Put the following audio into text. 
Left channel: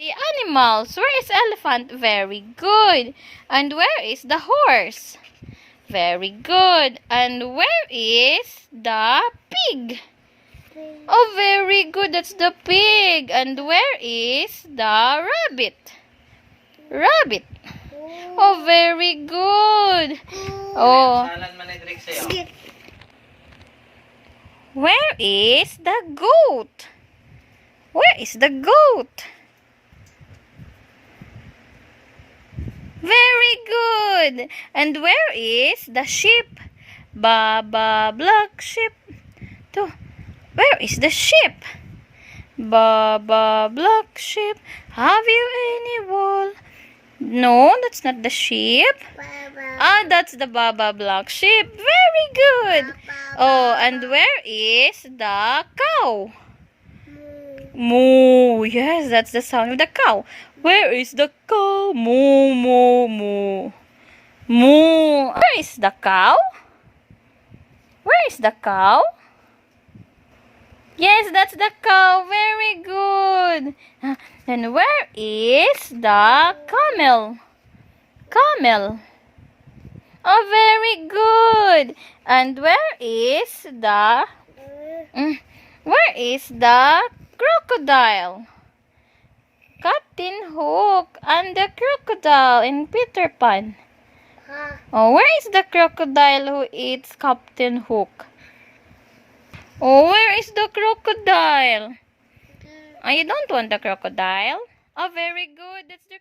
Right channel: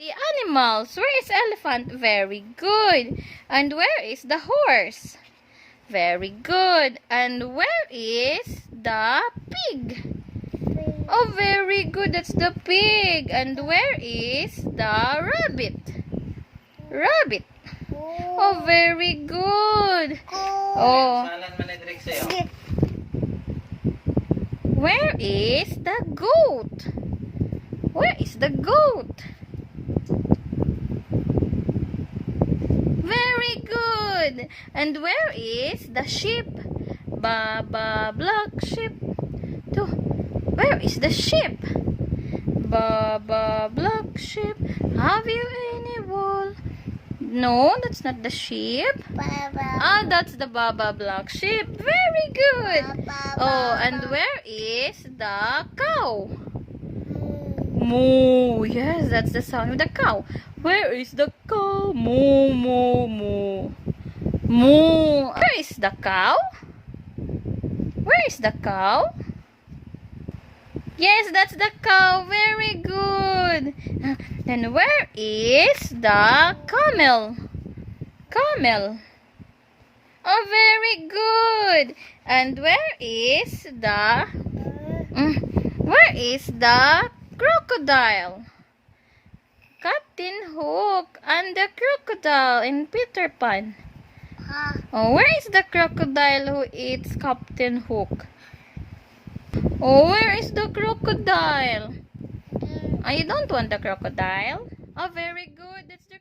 The animals. Where is elephant? Very good. And where is the horse? Very good. And where is the pig? Oh, very good. That's the pig. And where is the rabbit? Rabbit. Oh, very good. Oh. Where is the goat? Where is the goat? Very good. And where is the sheep? Baba black sheep. To. Where is the sheep? Baba black sheep. Have you any wool? No, that's not the sheep. Ah, that's the Baba black sheep. Very good. Oh, and where is the cow? Moo. Yes, that's the sound of the cow. Where is the cow? Moo, moo, moo. Moo. Where is the cow? Where is the cow? Yes, that's the cow. Very good. Then where is the camel? Camel. Oh, very good. And where is the crocodile? Captain Hook and the crocodile in Peter Pan. Oh, where is the crocodile who eats Captain Hook? Oh, where is the crocodile? Oh, you don't want the crocodile? Oh, very good. That's the